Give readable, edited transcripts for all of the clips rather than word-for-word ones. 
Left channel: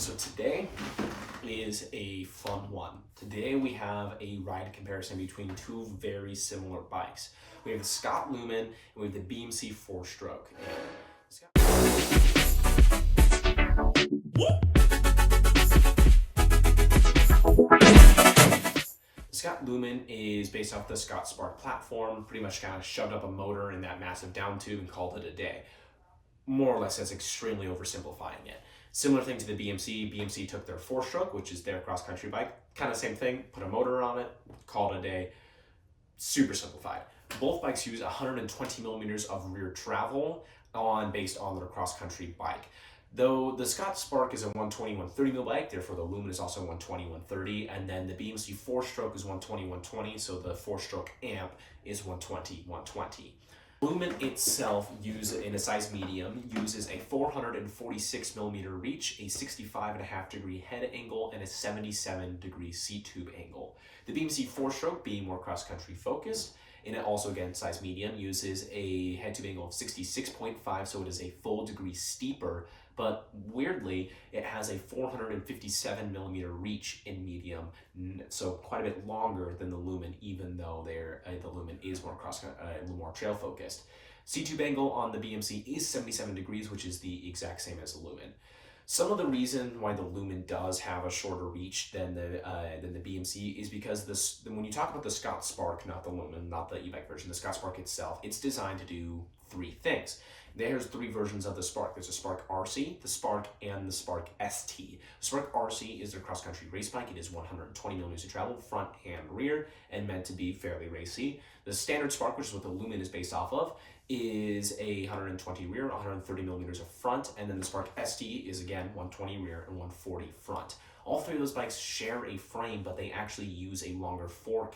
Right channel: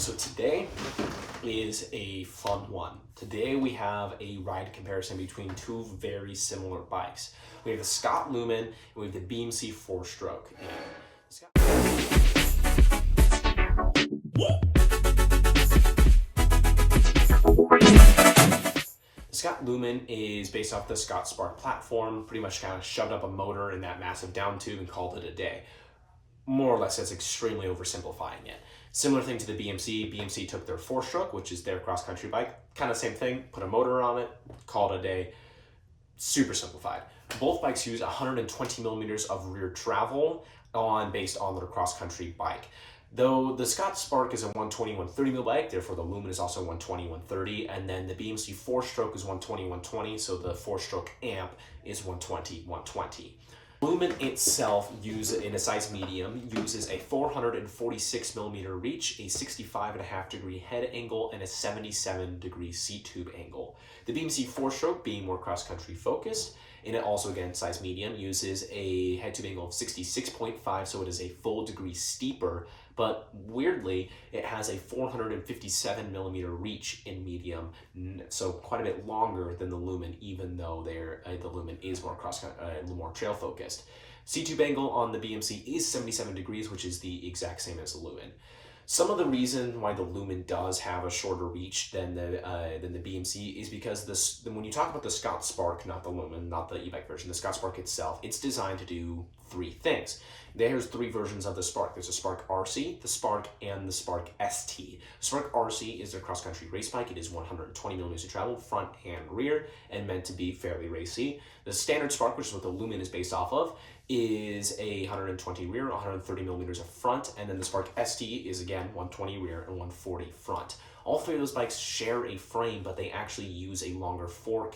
So today is a fun one. Today we have a ride comparison between two very similar bikes. We have the Scott Lumen and we have the BMC Fourstroke. The Scott Lumen is based off the Scott Spark platform, pretty much kind of shoved up a motor in that massive down tube and called it a day. More or less, that's extremely oversimplifying it. Similar thing to the BMC. BMC took their Fourstroke, which is their cross-country bike. Kind of same thing, put a motor on it, called it a day. Super simplified. Both bikes use 120 millimeters of rear travel based on their cross-country bike. Though the Scott Spark is a 120/130 mil bike, therefore the Lumen is also 120/130, and then the BMC Fourstroke is 120/120, so the Fourstroke amp is 120/120. Lumen itself, in a size medium, uses a 446 millimeter reach, a 65.5 degree head angle, and a 77 degree seat tube angle. The BMC Fourstroke, being more cross-country focused, and it also, again, size medium, uses a head tube angle of 66.5, so it is a full degree steeper, but weirdly, it has a 457 millimeter reach in medium, so quite a bit longer than the Lumen, even though the Lumen is more more trail focused. Seat tube angle on the BMC is 77 degrees, which is the exact same as the Lumen. Some of the reason why the Lumen does have a shorter reach than the BMC is because when you talk about the Scott Spark, not the Lumen, not the e-bike version, the Scott Spark itself, it's designed to do three things. There's three versions of the Spark. There's a Spark RC, the Spark, and the Spark ST. The Spark RC is their cross-country race bike. It is 120 millimeters of travel, front and rear, and meant to be fairly racy. The standard Spark, which is what the Lumen is based off of, is a 120 rear, 130 millimeters of front, and then the Spark ST is, again, 120 rear and 140 front. All three of those bikes share a frame, but they actually use a longer fork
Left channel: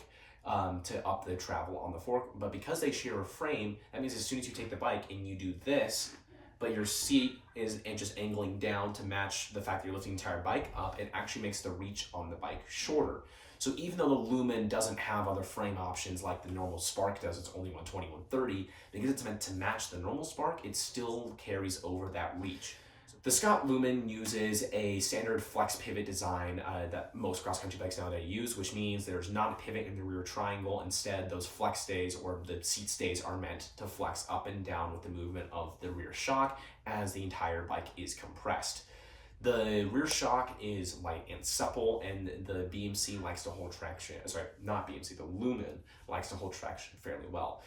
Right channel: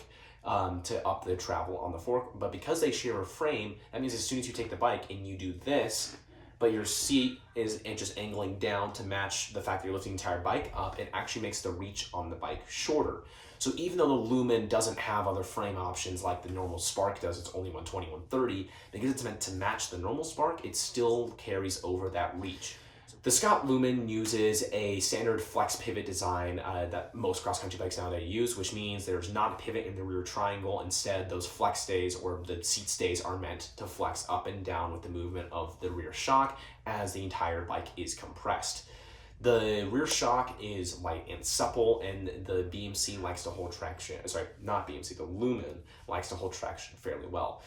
to up the travel on the fork. But because they share a frame, that means as soon as you take the bike and you do this, but your seat is just angling down to match the fact that you're lifting the entire bike up, it actually makes the reach on the bike shorter. So even though the Lumen doesn't have other frame options like the normal Spark does, it's only 120/130, because it's meant to match the normal Spark, it still carries over that reach. The Scott Lumen uses a standard flex pivot design that most cross-country bikes nowadays use, which means there's not a pivot in the rear triangle. Instead, those flex stays or the seat stays are meant to flex up and down with the movement of the rear shock as the entire bike is compressed. The rear shock is light and supple, and the BMC likes to hold traction. Sorry, not BMC, the Lumen likes to hold traction fairly well.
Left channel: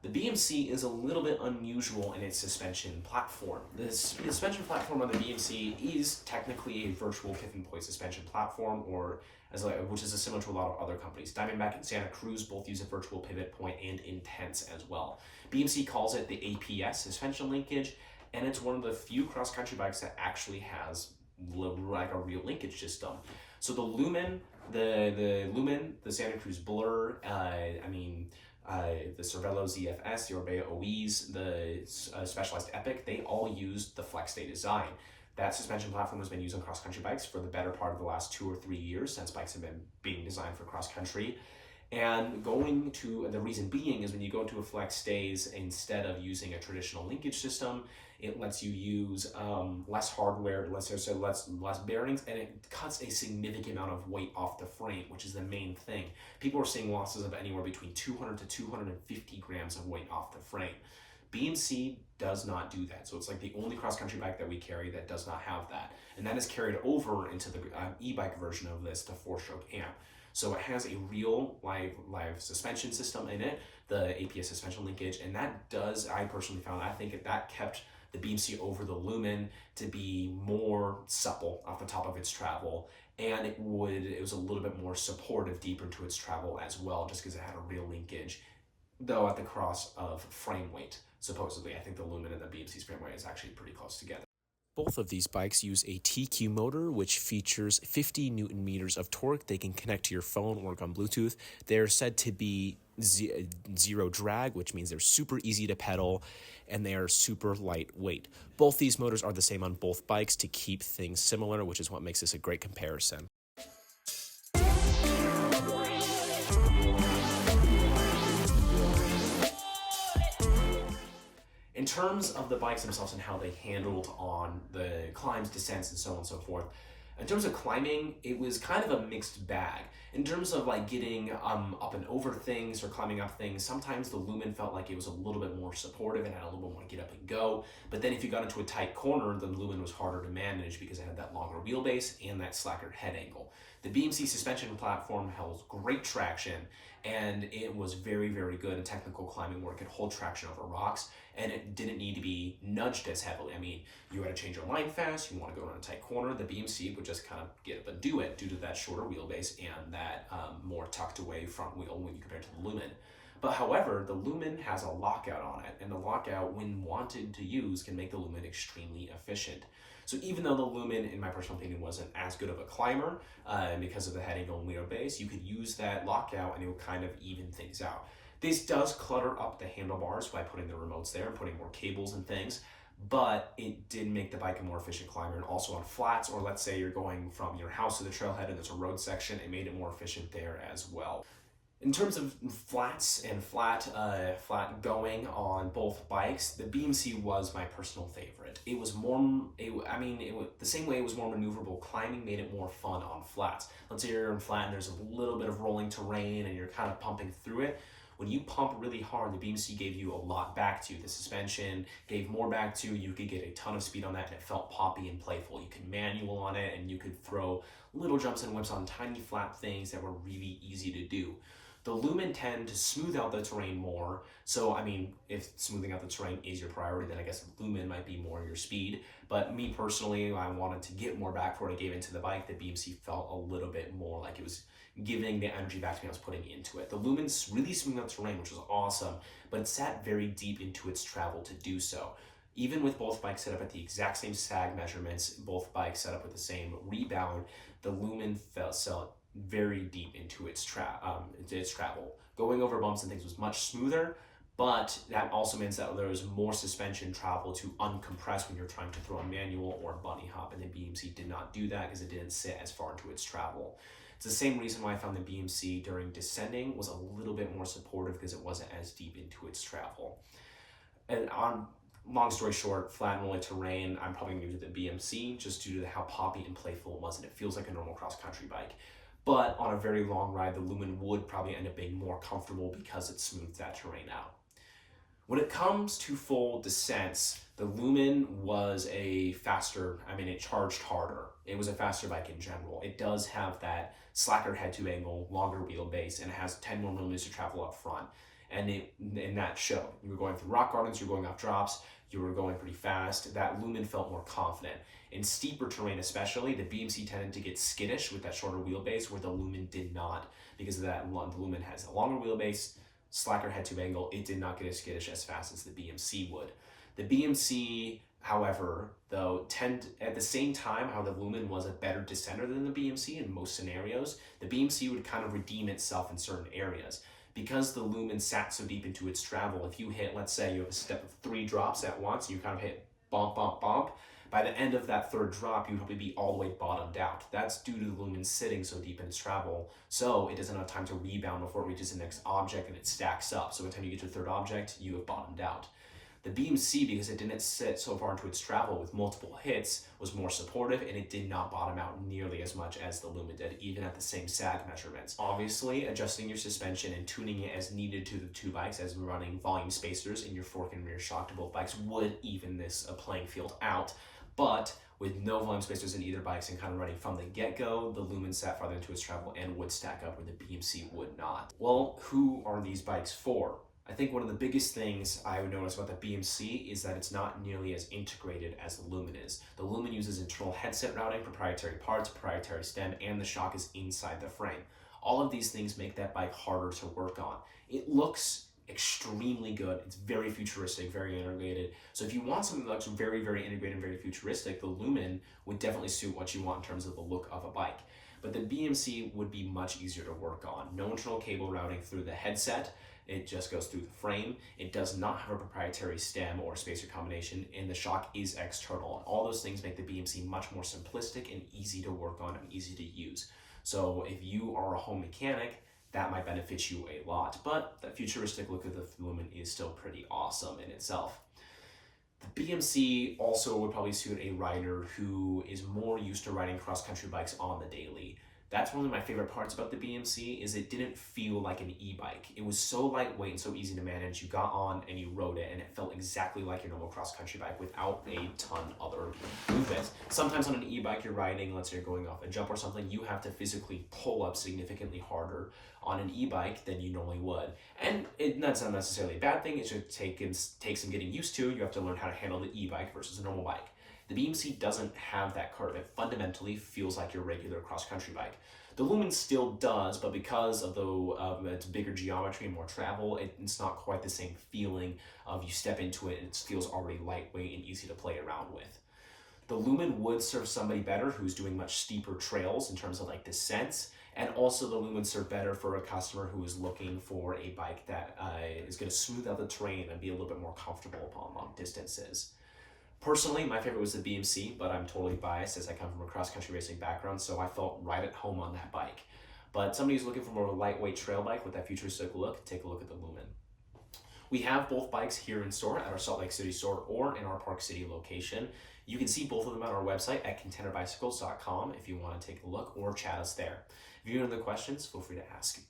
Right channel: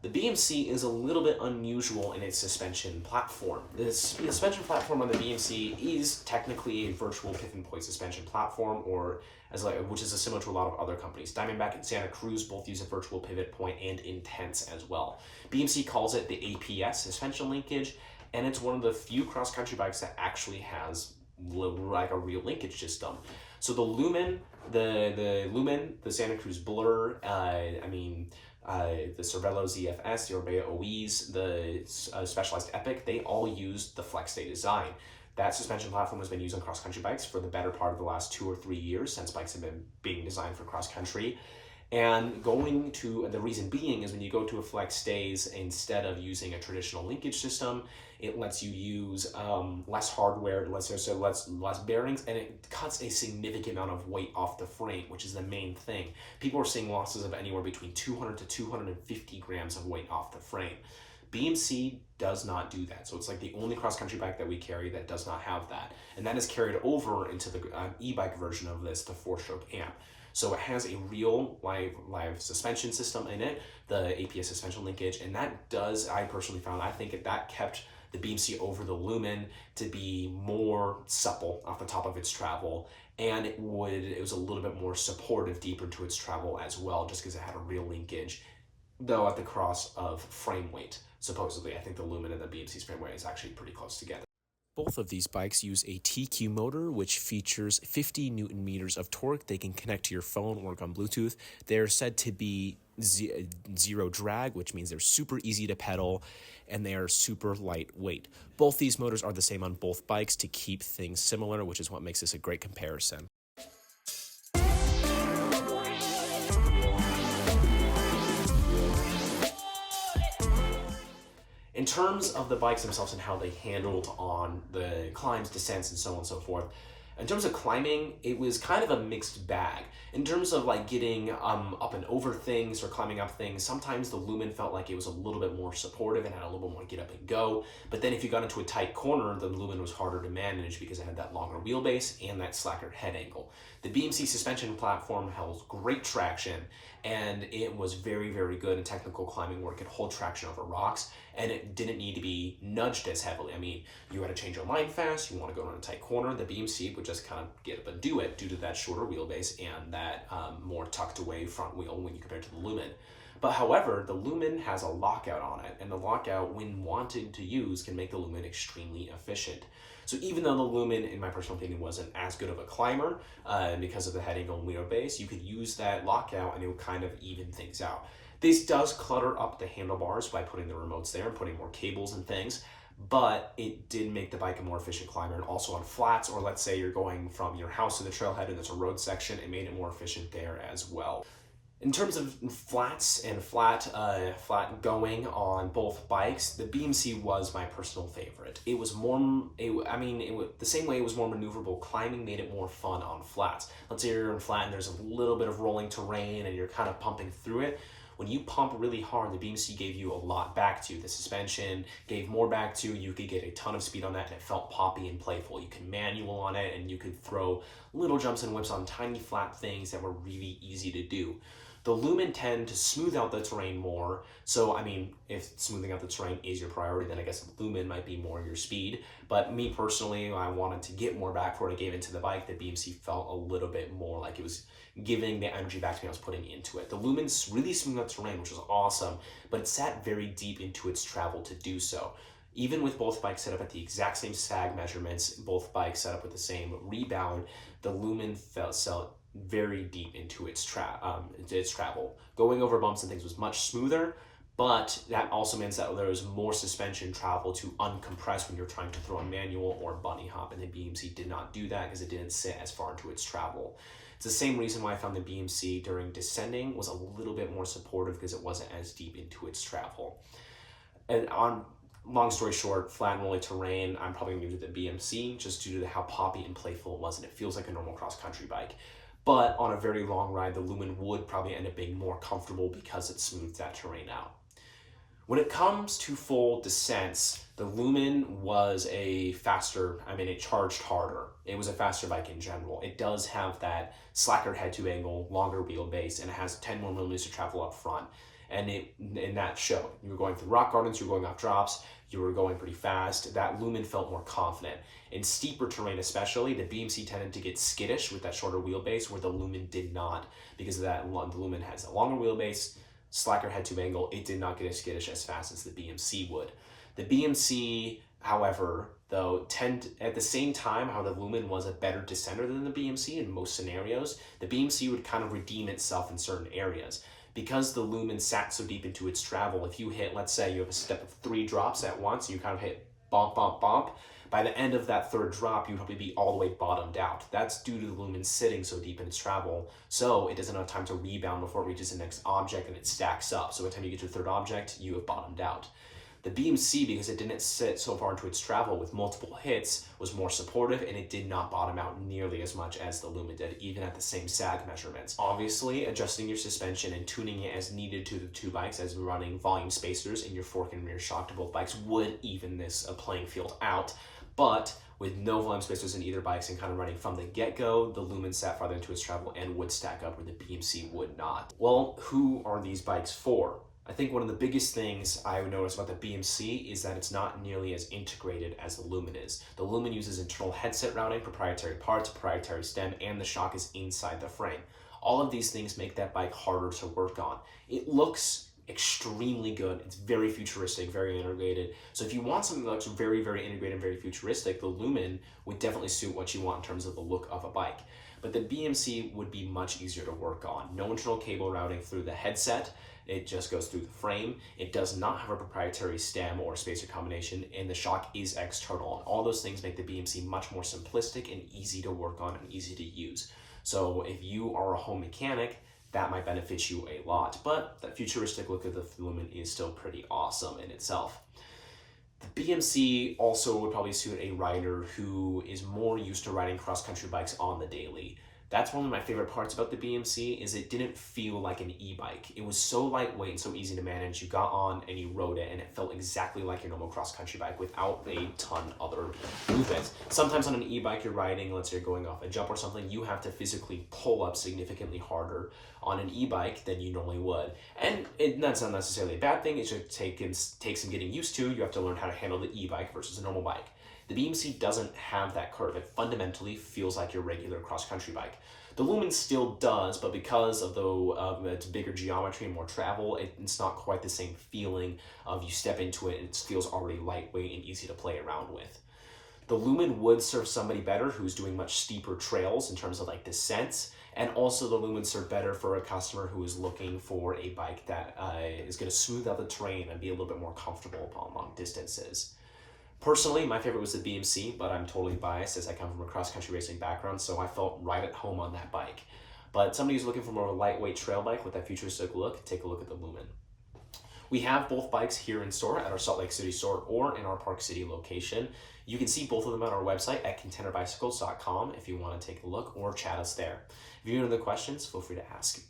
The BMC is a little bit unusual in its suspension platform. The suspension platform on the BMC is technically a virtual pivot point suspension platform, which is similar to a lot of other companies. Diamondback and Santa Cruz both use a virtual pivot point and Intense as well. BMC calls it the APS suspension linkage, and it's one of the few cross-country bikes that actually has like a real linkage system. So the Lumen, the Santa Cruz Blur, the Cervelo ZFS, the Orbea OEs, the Specialized Epic, they all use the flex stay design. That suspension platform has been used on cross-country bikes for the better part of the last 2 or 3 years since bikes have been being designed for cross-country. And the reason being is when you go to a flex stays, instead of using a traditional linkage system, it lets you use less hardware, less bearings, and it cuts a significant amount of weight off the frame, which is the main thing. People are seeing losses of anywhere between 200 to 250 grams of weight off the frame. BMC does not do that, so it's like the only cross-country bike that we carry that does not have that, and that is carried over into the e-bike version of this, the Fourstroke amp. So it has a real live suspension system in it, the APS suspension linkage, and that does, I personally found, I think that kept the BMC over the Lumen to be more supple off the top of its travel, and it was a little bit more supportive deeper to its travel as well, just because it had a real linkage, though at the cross of frame weight. Supposedly, I think the Lumen and the BMC's frame weight is actually pretty close together. Both of these bikes use a TQ motor, which features 50 Newton meters of torque. They can connect to your phone, work on Bluetooth. They're said to be zero drag, which means they're super easy to pedal, and they are super lightweight. Both these motors are the same on both bikes to keep things similar, which is what makes this a great comparison. In terms of the bikes themselves and how they handled on the climbs, descents, and so on and so forth, In terms of climbing, it was kind of a mixed bag. In terms of like getting up and over things or climbing up things, sometimes the Lumen felt like it was a little bit more supportive and had a little bit more get up and go. But then if you got into a tight corner, the Lumen was harder to manage because it had that longer wheelbase and that slacker head angle. The BMC suspension platform held great traction, and it was very, very good in technical climbing where it could hold traction over rocks, and it didn't need to be nudged as heavily. I mean, you had to change your line fast, you want to go around a tight corner, the BMC would just kind of get up and do it due to that shorter wheelbase and that more tucked away front wheel when you compare it to the Lumen. But however, the Lumen has a lockout on it, and the lockout, when wanted to use, can make the Lumen extremely efficient. So even though the Lumen, in my personal opinion, wasn't as good of a climber because of the head angle and wheelbase, you could use that lockout and it would kind of even things out. This does clutter up the handlebars by putting the remotes there and putting more cables and things, but it did make the bike a more efficient climber. And also on flats, or let's say you're going from your house to the trailhead and there's a road section, it made it more efficient there as well. In terms of flats and flat going on both bikes, the BMC was my personal favorite. It was the same way it was more maneuverable. Climbing made it more fun on flats. Let's say you're in flat and there's a little bit of rolling terrain and you're kind of pumping through it. When you pump really hard, the BMC gave you a lot back to. The suspension gave more back to. You could get a ton of speed on that, and it felt poppy and playful. You could manual on it, and you could throw little jumps and whips on tiny flat things that were really easy to do. The Lumen tend to smooth out the terrain more. So, I mean, if smoothing out the terrain is your priority, then I guess the Lumen might be more your speed. But me personally, I wanted to get more back for what I gave into the bike. The BMC felt a little bit more like it was giving the energy back to me I was putting into it. The Lumen really smoothed out terrain, which was awesome, but it sat very deep into its travel to do so. Even with both bikes set up at the exact same sag measurements, both bikes set up with the same rebound, the Lumen felt very deep into its travel. Going over bumps and things was much smoother, but that also means that there was more suspension travel to uncompress when you're trying to throw a manual or bunny hop, and the BMC did not do that because it didn't sit as far into its travel. It's the same reason why I found the BMC during descending was a little bit more supportive, because it wasn't as deep into its travel. And long story short, flat and rolling terrain, I'm probably going to give it the BMC just due to how poppy and playful it was, and it feels like a normal cross-country bike. But on a very long ride, the Lumen would probably end up being more comfortable because it smooths that terrain out. When it comes to full descents, the Lumen was it charged harder. It was a faster bike in general. It does have that slacker head-to angle, longer wheelbase, and it has 10 more millimeters to travel up front. And that showed. You were going through rock gardens, you were going off drops, you were going pretty fast. That Lumen felt more confident. In steeper terrain especially, the BMC tended to get skittish with that shorter wheelbase, where the Lumen did not, because of that. The Lumen has a longer wheelbase, slacker head-to angle. It did not get as skittish as fast as the BMC would. The BMC, however, though, at the same time how the Lumen was a better descender than the BMC in most scenarios, the BMC would kind of redeem itself in certain areas. Because the Lumen sat so deep into its travel, if you hit, let's say you have a step of 3 drops at once, you kind of hit bump, bump, bump, by the end of that third drop, you'd probably be all the way bottomed out. That's due to the Lumen sitting so deep in its travel, so it doesn't have time to rebound before it reaches the next object and it stacks up. So by the time you get to the third object, you have bottomed out. The BMC, because it didn't sit so far into its travel with multiple hits, was more supportive, and it did not bottom out nearly as much as the Lumen did, even at the same sag measurements. Obviously, adjusting your suspension and tuning it as needed to the two bikes, as running volume spacers in your fork and rear shock to both bikes, would even this playing field out. But with no volume spacers in either bikes and kind of running from the get-go, the Lumen sat farther into its travel and would stack up where the BMC would not. Well, who are these bikes for? I think one of the biggest things I would notice about the BMC is that it's not nearly as integrated as the Lumen is. The Lumen uses internal headset routing, proprietary parts, proprietary stem, and the shock is inside the frame. All of these things make that bike harder to work on. It looks extremely good. It's very futuristic, very integrated. So if you want something that looks very, very integrated and very futuristic, the Lumen would definitely suit what you want in terms of the look of a bike. But the BMC would be much easier to work on. No internal cable routing through the headset. It just goes through the frame. It does not have a proprietary stem or spacer combination, and the shock is external. And all those things make the BMC much more simplistic and easy to work on and easy to use. So if you are a home mechanic, that might benefit you a lot. But that futuristic look of the Lumen is still pretty awesome in itself. The BMC also would probably suit a rider who is more used to riding cross-country bikes on the daily. That's one of my favorite parts about the BMC is it didn't feel like an e-bike. It was so lightweight and so easy to manage. You got on and you rode it and it felt exactly like your normal cross-country bike without a ton other movements. Sometimes on an e-bike you're riding, let's say you're going off a jump or something, you have to physically pull up significantly harder on an e-bike than you normally would. And that's not necessarily a bad thing, it should take some getting used to. You have to learn how to handle the e-bike versus a normal bike. The BMC doesn't have that curve. It fundamentally feels like your regular cross-country bike. The Lumen still does, but because of its bigger geometry and more travel, it's not quite the same feeling of you step into it and it feels already lightweight and easy to play around with. The Lumen would serve somebody better who's doing much steeper trails in terms of like descents, and also the Lumen serve better for a customer who is looking for a bike that is going to smooth out the terrain and be a little bit more comfortable upon long distances. Personally, my favorite was the BMC, but I'm totally biased as I come from a cross-country racing background, so I felt right at home on that bike. But somebody who's looking for more of a lightweight trail bike with that futuristic look, take a look at the Lumen. We have both bikes here in store at our Salt Lake City store or in our Park City location. You can see both of them on our website at contenderbicycles.com if you want to take a look or chat us there. If you have any other questions, feel free to ask.